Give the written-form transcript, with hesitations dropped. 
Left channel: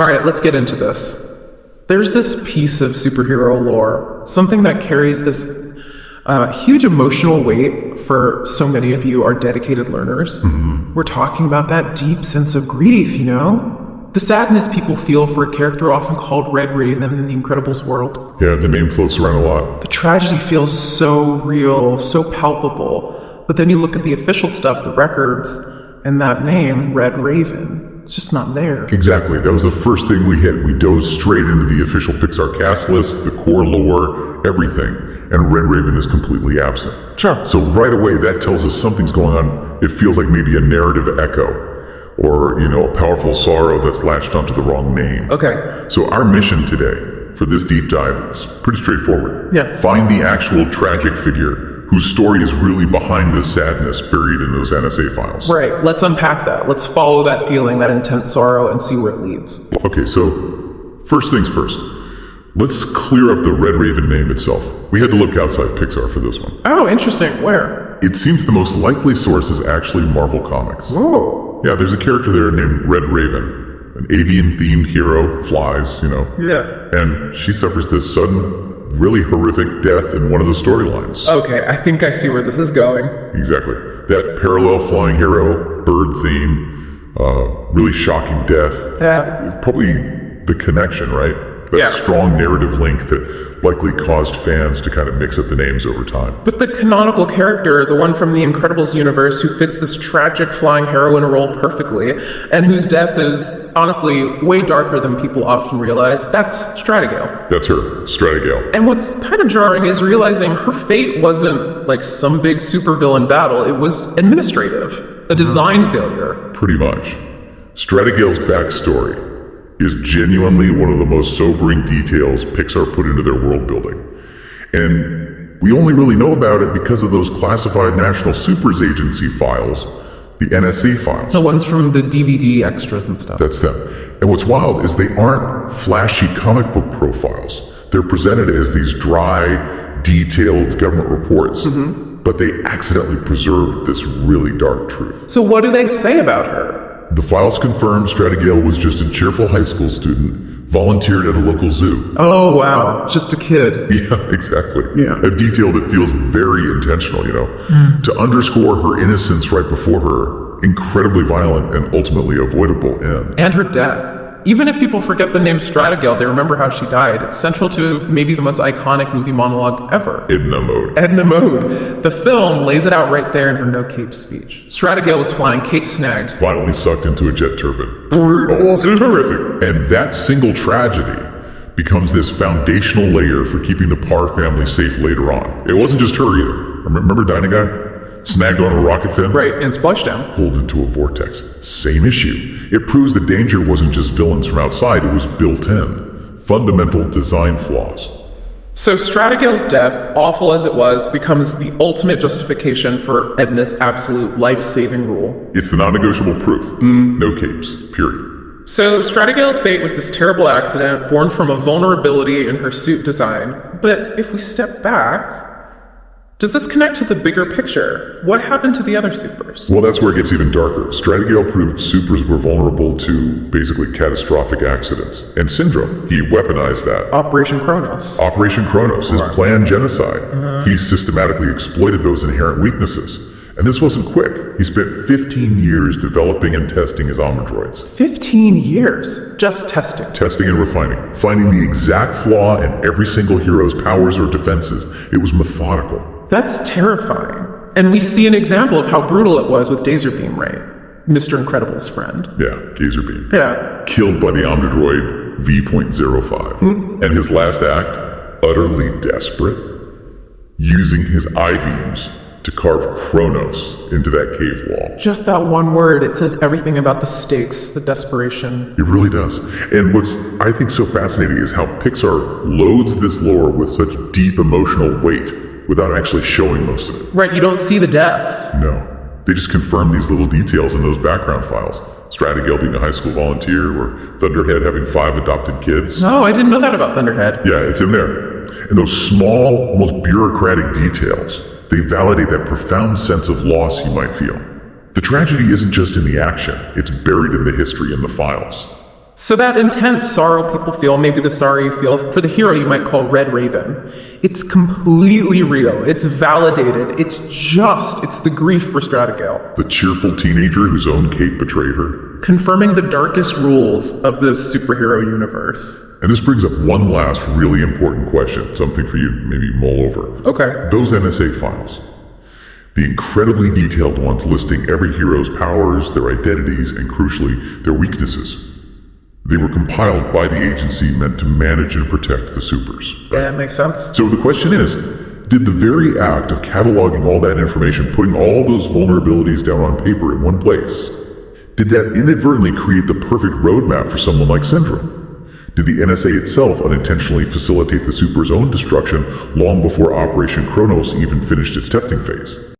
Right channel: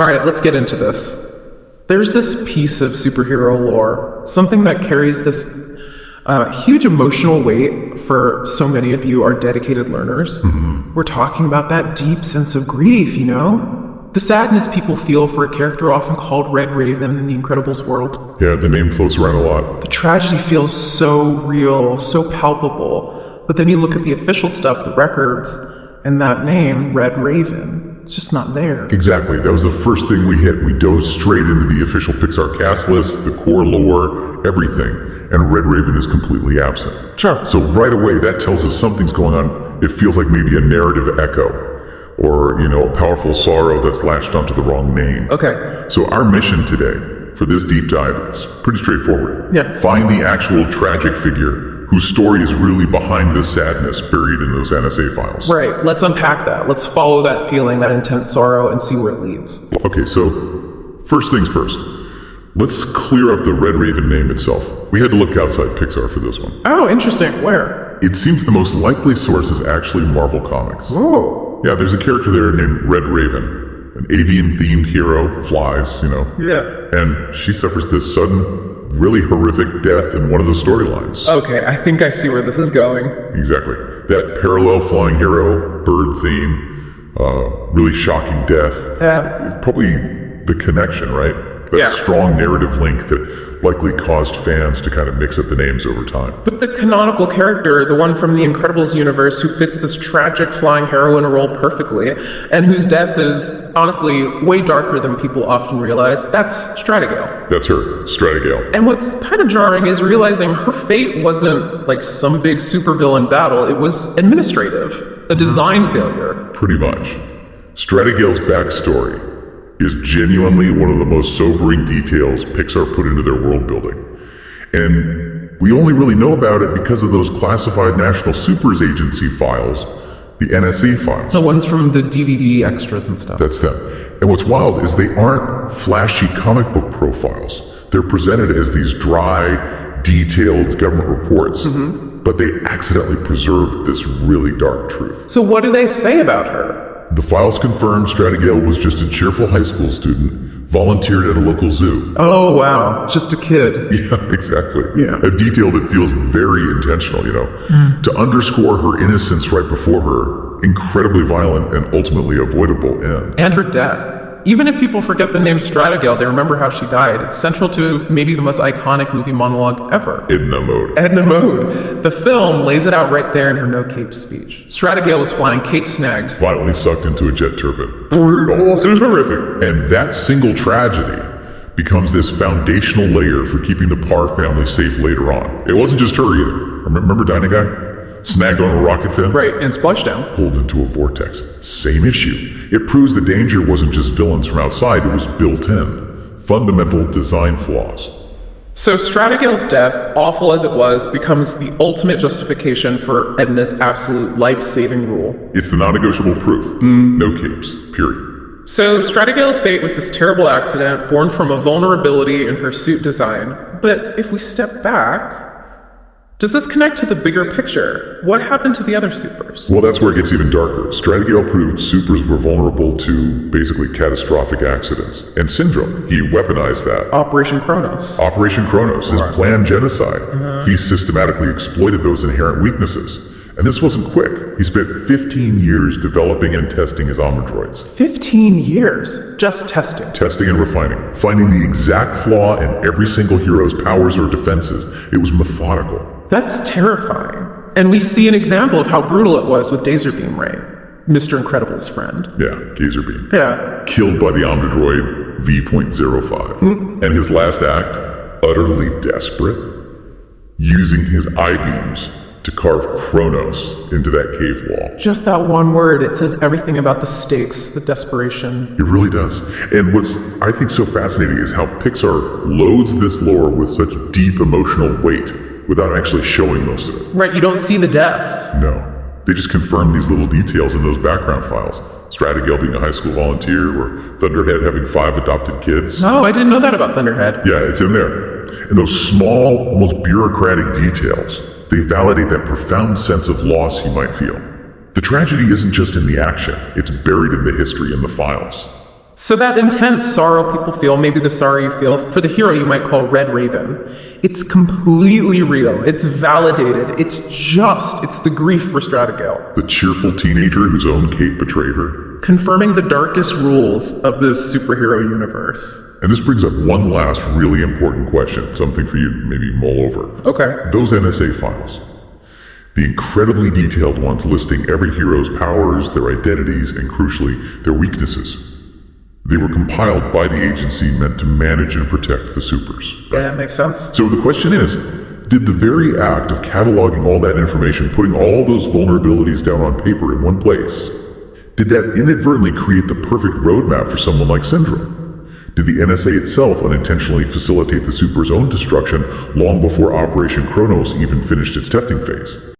All right, let's get into this. There's this piece of superhero lore, something that carries this huge emotional weight for so many of you are dedicated learners. We're talking about that deep sense of grief, you know? The sadness people feel for a character often called Red Raven in the Incredibles world. Yeah, the name floats around a lot. The tragedy feels so real, so palpable. But then you look at the official stuff, the records, and that name, Red Raven, it's just not there. Exactly. That was the first thing we hit. We dove straight into the official Pixar cast list, the core lore, everything. And Red Raven is completely absent. Sure. So right away, that tells us something's going on. It feels like maybe a narrative echo. Or, a powerful sorrow that's latched onto the wrong name. Okay. So our mission today, for this deep dive, is pretty straightforward. Yeah. Find the actual tragic figure whose story is really behind the sadness buried in those NSA files. Right, let's unpack that. Let's follow that feeling, that intense sorrow, and see where it leads. Okay, so first things first. Let's clear up the Red Raven name itself. We had to look outside Pixar for this one. Oh, interesting. Where? It seems the most likely source is actually Marvel Comics. Oh. Yeah, there's a character there named Red Raven, an avian-themed hero, flies, Yeah. And she suffers this sudden, really horrific death in one of the storylines. Okay, I think I see where this is going. Exactly. That parallel flying hero, bird theme, really shocking death. Yeah. Probably the connection, right? That Yeah. strong narrative link that likely caused fans to kind of mix up the names over time. But the canonical character, the one from the Incredibles universe who fits this tragic flying heroine role perfectly, and whose death is honestly way darker than people often realize, that's Stratagale. That's her, Stratagale. And what's kind of jarring is realizing her fate wasn't like some big supervillain battle, it was administrative, a design failure. Pretty much. Stratagale's backstory is genuinely one of the most sobering details Pixar put into their world building. And we only really know about it because of those classified National Supers Agency files, the NSA files. The ones from the DVD extras and stuff. That's them. And what's wild is they aren't flashy comic book profiles. They're presented as these dry, detailed government reports. But they accidentally preserved this really dark truth. So what do they say about her? The files confirm Stratagale was just a cheerful high school student, volunteered at a local zoo. Oh, wow. Just a kid. Yeah, exactly. Yeah. A detail that feels very intentional, to underscore her innocence right before her incredibly violent and ultimately avoidable end. And her death. Even if people forget the name Stratagale, they remember how she died. It's central to maybe the most iconic movie monologue ever. Edna Mode. Edna Mode. The film lays it out right there in her no cape speech. Stratagale was flying, cape snagged. Violently sucked into a jet turbine. Brutal. It's horrific. And that single tragedy becomes this foundational layer for keeping the Parr family safe later on. It wasn't just her either. Remember Dinah Guy? Snagged on a rocket fin? Right, and splashdown. Pulled into a vortex. Same issue. It proves the danger wasn't just villains from outside, it was built in. Fundamental design flaws. So Stratagale's death, awful as it was, becomes the ultimate justification for Edna's absolute life-saving rule. It's the non-negotiable proof. No capes. Period. So Stratagale's fate was this terrible accident born from a vulnerability in her suit design. But if we step back, does this connect to the bigger picture? What happened to the other supers? Well, that's where it gets even darker. Stratagale proved supers were vulnerable to basically catastrophic accidents and syndrome. He weaponized that. Operation Kronos. Operation Kronos, his planned genocide. He systematically exploited those inherent weaknesses. And this wasn't quick. He spent 15 years developing and testing his Omnidroids. 15 years? Just testing. Testing and refining. Finding the exact flaw in every single hero's powers or defenses. It was methodical. That's terrifying. And we see an example of how brutal it was with Laserbeam, right? Mr. Incredible's friend. Yeah, Gazerbeam. Yeah. Killed by the Omnidroid V.05. And his last act, utterly desperate, using his I-beams to carve Kronos into that cave wall. Just that one word, it says everything about the stakes, the desperation. It really does. And what's, I think, so fascinating is how Pixar loads this lore with such deep emotional weight without actually showing most of it. Right, you don't see the deaths. No. They just confirm these little details in those background files. Stratagale being a high school volunteer, or Thunderhead having 5 adopted kids. No, I didn't know that about Thunderhead. Yeah, it's in there. And those small, almost bureaucratic details, they validate that profound sense of loss you might feel. The tragedy isn't just in the action, it's buried in the history in the files. So that intense sorrow people feel, maybe the sorrow you feel for the hero you might call Red Raven, it's completely real. It's validated. It's the grief for Stratagale. The cheerful teenager whose own Kate betrayed her. Confirming the darkest rules of this superhero universe. And this brings up one last really important question, something for you to maybe mull over. Okay. Those NSA files, the incredibly detailed ones listing every hero's powers, their identities, and crucially, their weaknesses. They were compiled by the agency meant to manage and protect the supers. Yeah, makes sense. So the question is, did the very act of cataloging all that information, putting all those vulnerabilities down on paper in one place, did that inadvertently create the perfect roadmap for someone like Syndrome? Did the NSA itself unintentionally facilitate the super's own destruction long before Operation Kronos even finished its testing phase?